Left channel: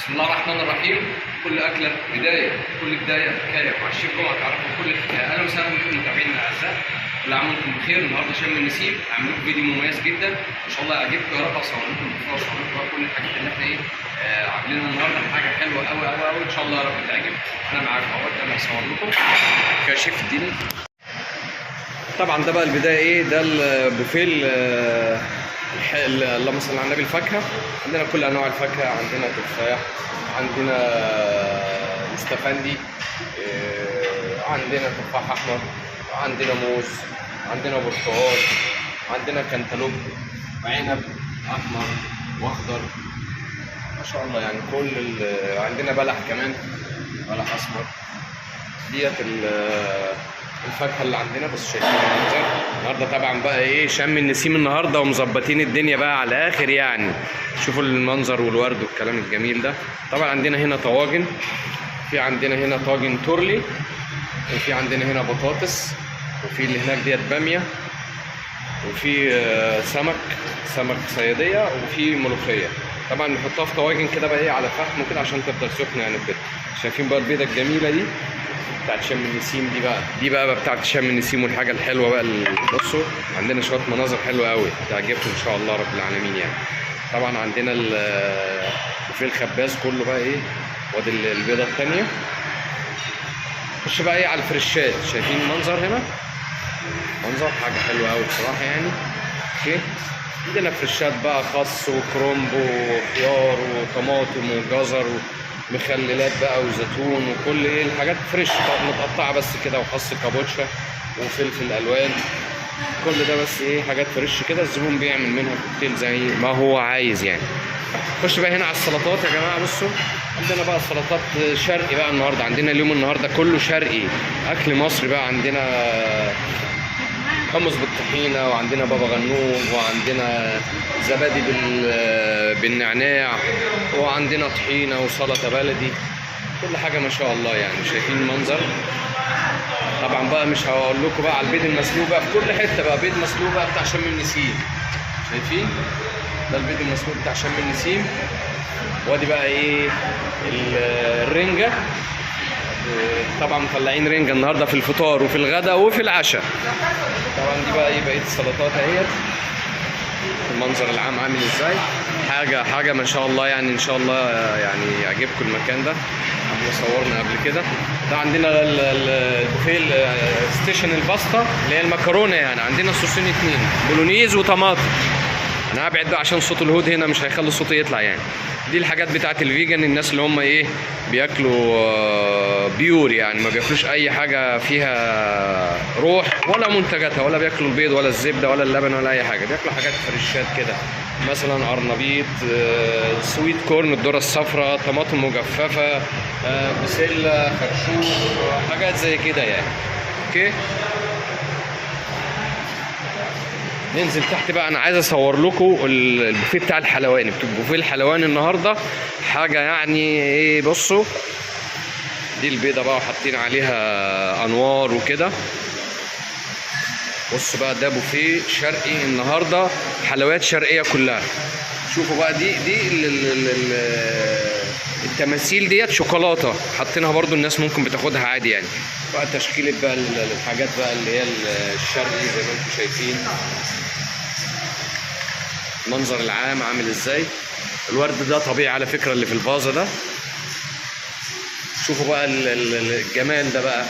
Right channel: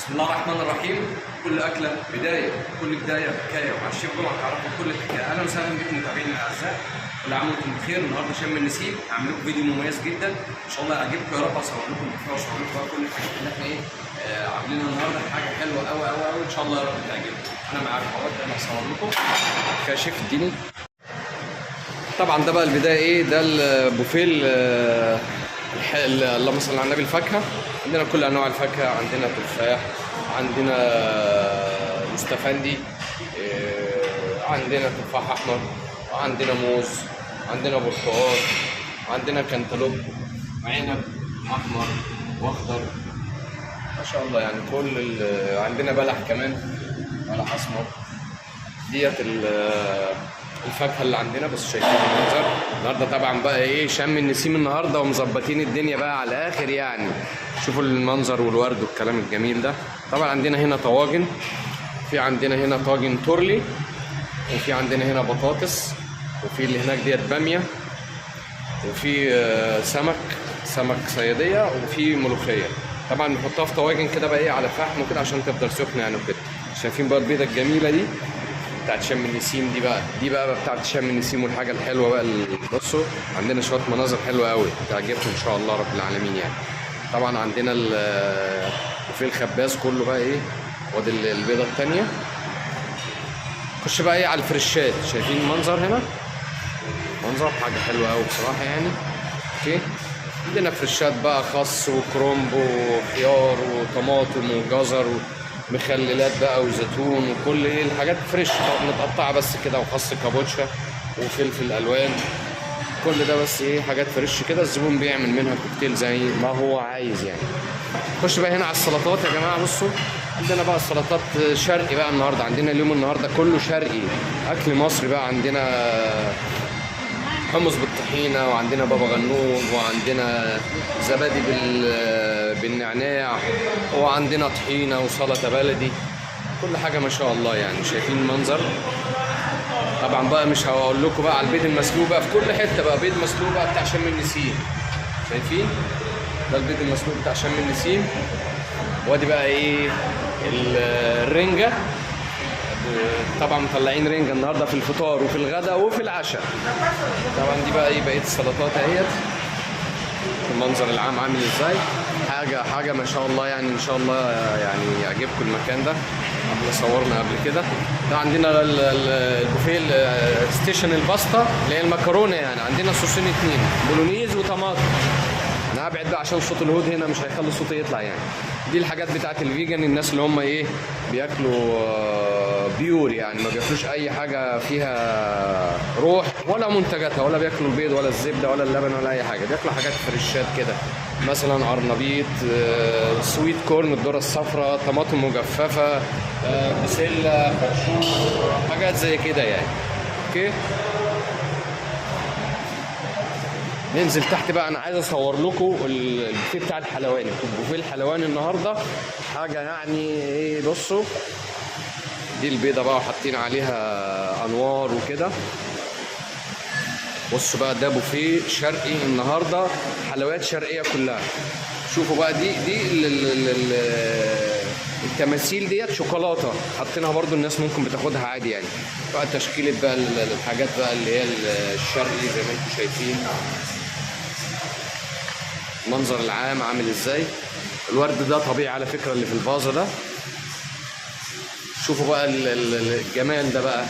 بسم الله الرحمن الرحيم. كل أكلة بداية، كل بداية حكاية، ومع الشيف جمعة تعرفوا كل الحكاية. أهلا وسهلا بكم متابعينا الأعزاء، كل عام وأنتم بخير. النهارده شم النسيم، هعمل لكم فيديو مميز جدا إن شاء الله يعجبكم يا رب. أصور لكم الحكاية وأصور لكم بقى كل الحاجات اللي إحنا عاملينها النهارده، حاجة حلوة أوي أوي أوي إن شاء الله يا رب تعجبكم. أنا معاكم أهوت، أنا هصور لكم كشيف الديني. طبعا ده بقى البداية ده البوفيه اللهم صل على النبي. الفاكهة عندنا كل أنواع الفاكهة، عندنا تفاح، عندنا مستفندي، عندنا تفاح أحمر، عندنا موز، عندنا برتقال، عندنا كنتالوب، عنب أحمر وأخضر ما شاء الله. يعني عندنا بلح كمان، بلح أسمر. ديت الفاكهه اللي عندنا. بس شايفين المنظر النهارده طبعا بقى شم النسيم النهارده ومظبطين الدنيا بقى على الاخر. يعني شوفوا المنظر والورد والكلام الجميل ده. طبعا عندنا هنا طواجن، في عندنا هنا طاجن تورلي، وفي عندنا هنا بطاطس، وفي اللي هناك ديت باميه، وفي سمك صياديه، وفي ملوخيه. طبعا بنحطها في طواجن كده بقى على فحم وكده عشان تفضل سخنه يعني وكده. شايفين بقى البيضه الجميله دي بتاعت شم النسيم. دي بقى بتاعت شم النسيم والحاجه الحلوه بقى. بصوا عندنا شويه مناظر حلوه قوي تعجبكم ان شاء الله رب العالمين. يعني طبعا عندنا وفي الخباز كله بقى وادي البيضه الثانيه. خش بقى على الفريشات. شايفين المنظر هنا، منظر حاجه حلوه قوي بصراحه يعني. اوكي، عندنا فريشات بقى، خس وكرنب وخيار وطماطم وجزر مخللات بقى وزيتون وكل الحاجات فريش متقطعه بس كده، وخس كابوتشا وفلفل الوان. كل ده بس حاجات فريش كده. الزبون بيعمل منها كوكتيل زي ما هو عايز يعني. خش بقى هنا على السلطات يا جماعه. بصوا عندنا بقى سلطات شرقي بقى النهارده. عندنا اليوم النهارده كله شرقي، اكل مصري بقى. عندنا حمص بالطحينه، وعندنا بابا غنوج، وعندنا زبادي بالنعناع، وعندنا طحينه وسلطه بلدي. كل حاجه ما شاء الله يعني. شايفين المنظر. طبعا بقى مش هقول لكم بقى على البيض المسلوق بقى، في كل حته بقى بيض مسلوق بقى بتاع شم النسيم. شايفين ده البيض المسلوق بتاع شم النسيم. وادي بقى الرنجه. طبعا مطلعين رنجه النهارده في الفطار وفي الغداء وفي العشاء. طبعا دي بقى بقيه السلطات اهيت. المنظر العام عامل ازاي، حاجه ما شاء الله يعني. ان شاء الله يعني يعجبكم المكان ده. احنا صورنا قبل كده. ده عندنا البوفيه ستيشن الباستا اللي هي المكرونه. يعني عندنا صوصين اتنين، بولونيز وطماطم. انا هبعد بقى عشان صوت الهود هنا مش هيخلي صوتي يطلع يعني. دي الحاجات بتاعت الفيجن، الناس اللي هم بياكلوا بيور يعني، ما بياكلوش اي حاجه فيها روح ولا منتجاتها، ولا بياكلوا البيض ولا الزبده ولا اللبن ولا اي حاجه. بياكلوا حاجات فريشات كده، مثلا قرنبيط، سويت كورن، الذره الصفراء، طماطم مجففه، بسله، خرشوف، حاجات زي كده يعني. اوكي، ننزل تحت بقى. انا عايز اصور لكم البوفيه بتاع الحلواني. البوفيه الحلواني النهارده حاجه يعني بصوا دي البيضه بقى وحاطين عليها انوار وكده. بص بقى ده بوفيه شرقي النهارده، حلويات شرقيه كلها. شوفوا بقى دي التماثيل ديت شوكولاته حاطينها برضو، الناس ممكن بتاخدها عادي يعني. بقى تشكيله بقى الحاجات بقى اللي هي الشرقي زي ما انتم شايفين. المنظر العام عامل ازاي. الورد ده طبيعي على فكره اللي في الفازه ده. شوفوا بقى الجمال ده بقى.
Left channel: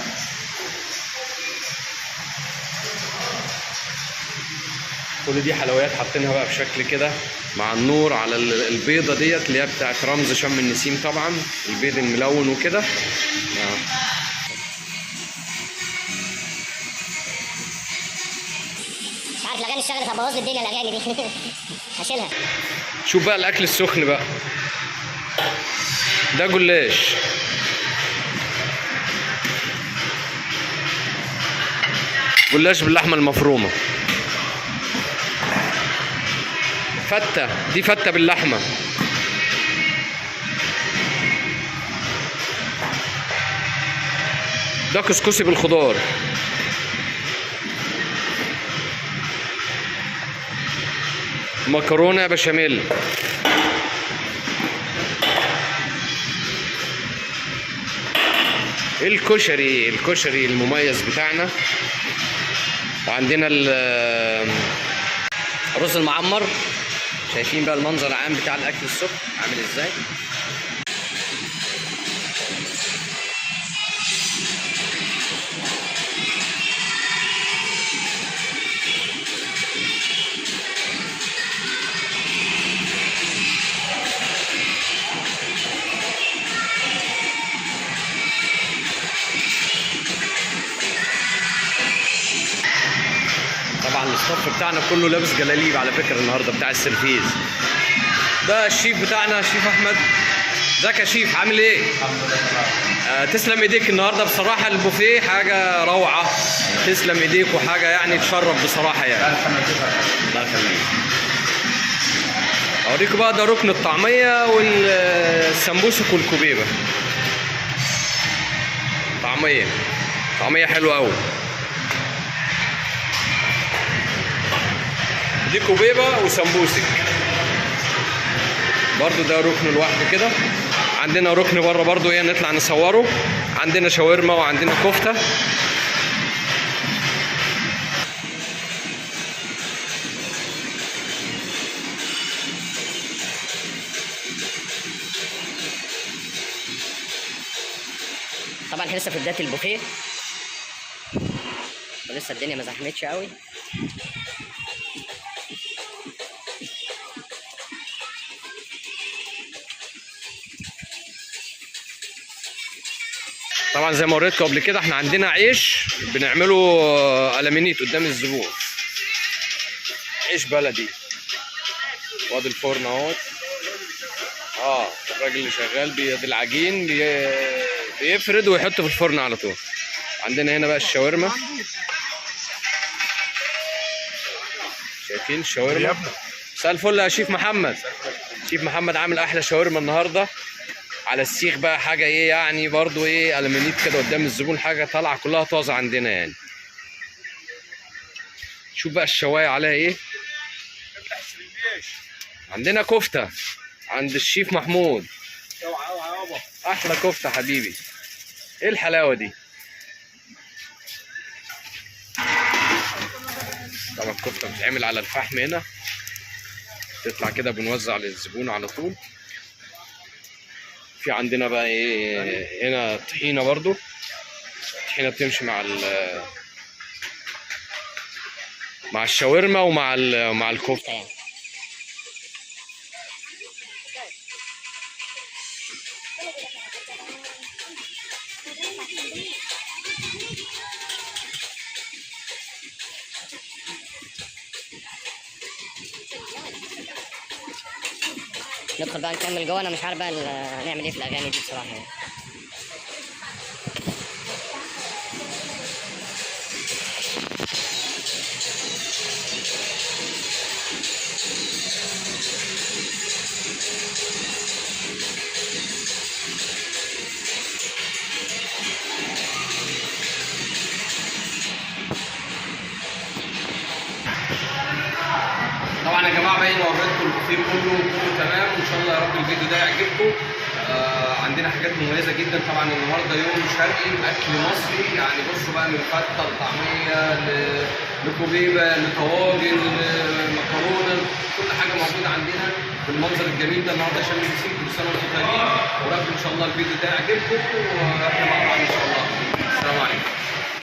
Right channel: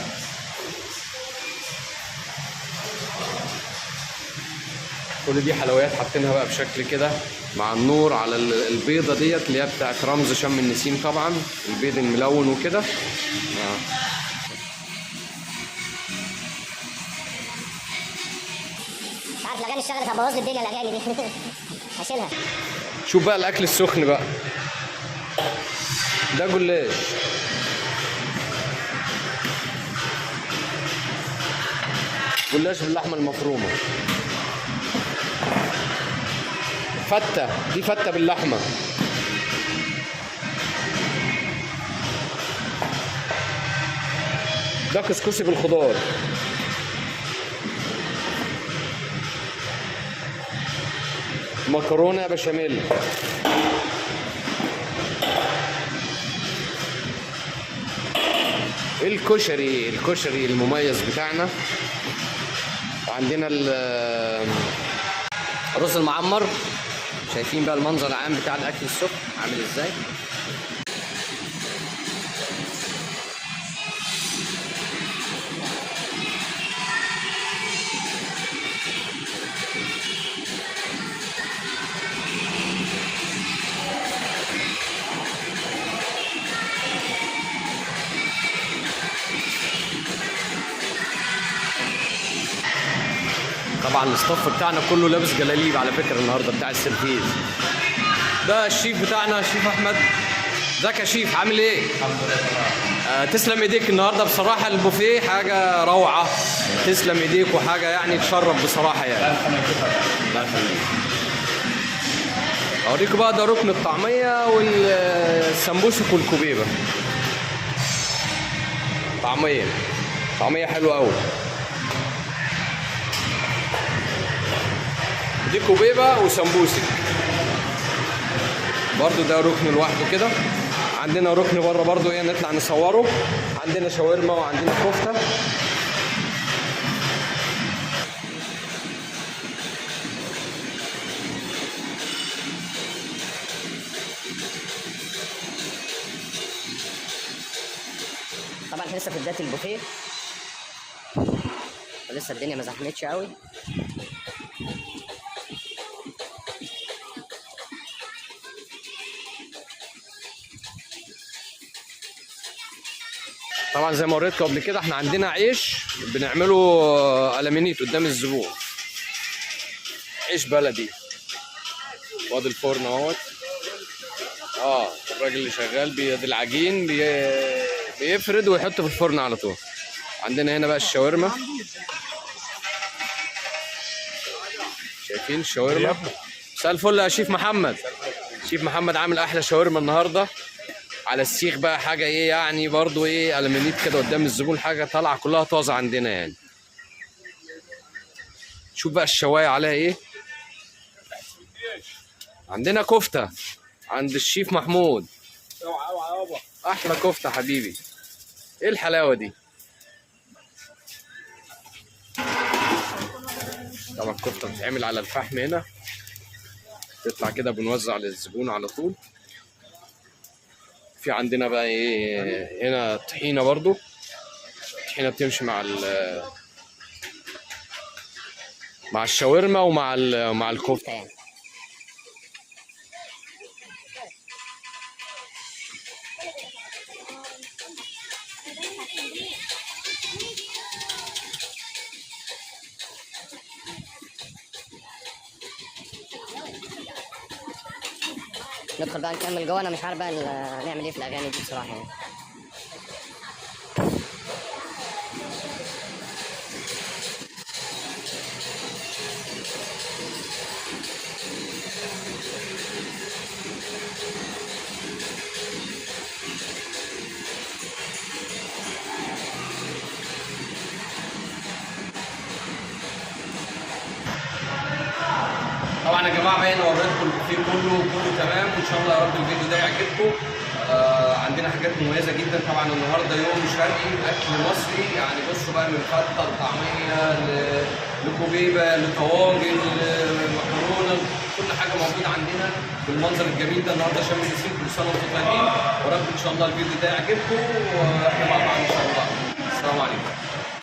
كل دي حلويات حاطينها بقى بشكل كده مع النور على البيضه ديت اللي هي بتاعت رمز شم النسيم. طبعا البيض الملون وكده. مش عارف الاغاني اشتغلت هتبوظ لي الدنيا الاغاني دي. هشيلها. شوف بقى الاكل السخن بقى. ده جلاش، جلاش باللحمه المفرومه. فته، دي فته باللحمه. ده كسكسي بالخضار. مكرونه بشاميل. الكشري المميز بتاعنا. وعندنا الرز المعمر. شايفين بقى المنظر العام بتاع الاكل الصبح عامل ازاي. طبعا الصف بتاعنا كله لابس جلاليب على فكره النهارده بتاع السرفيز. ده الشيف بتاعنا شيف احمد. ازيك يا شيف عامل ايه؟ الحمد لله تمام. تسلم ايديك النهارده بصراحه. البوفيه حاجه روعه. تسلم ايديك وحاجه يعني تشرف بصراحه يعني. الله يخليك. اوريكم بقى ده ركن الطعميه والسمبوسك والكوبيبه. طعميه حلوه قوي. دي كوبيبه وسمبوسك برضو. ده ركن لوحده كده. عندنا ركن بره برضو ايه نطلع نصوره. عندنا شاورما وعندنا كفته. طبعا احنا لسه في بدايه البوفيه ولسه الدنيا ما زحمتش قوي. طبعا زي ما وريتكم قبل كده احنا عندنا عيش بنعمله ألمنيت قدام الزبون. عيش بلدي. وادي الفرن اهوت. الراجل اللي شغال بيد العجين بيفرد ويحطه في الفرن على طول. عندنا هنا بقى الشاورما. شايفين الشاورما. مساء الفل يا شيف محمد. شيف محمد عامل احلى شاورما النهارده على السيخ بقى. حاجه ايه يعني برضو ايه ألمنيت كده قدام الزبون. حاجه طالعه كلها طازه عندنا يعني. شوف بقى الشوايه عليها ايه. عندنا كفته عند الشيف محمود. احلى كفته حبيبي. ايه الحلاوه دي. طبعا الكفته بتتعمل على الفحم هنا. تطلع كده بنوزع للزبون على طول. في عندنا بقى ايه هنا طحينه برضو. الطحينه بتمشي مع الشاورما ومع الكفته يعني. ندخل بقى نكمل جوه. انا مش عارف بقى نعمل ايه في الاغاني دي بصراحه يعني. طبعا يا جماعه باين وريتكم البوفيه كله تمام. وان شاء الله يا رب الفيديو ده يعجبكم. عندنا حاجات مميزه جدا. طبعا النهارده يوم شرقي اكل مصري يعني. بصوا بقى من فته لطعميه لكوبيبه لطواجن لمكرونه. كل حاجه موجوده عندنا بالمنظر الجميل ده النهارده. شم النسيم كل سنه وانتم طيبين. ورب ان شاء الله الفيديو ده يعجبكم واحنا مع بعض ان شاء الله.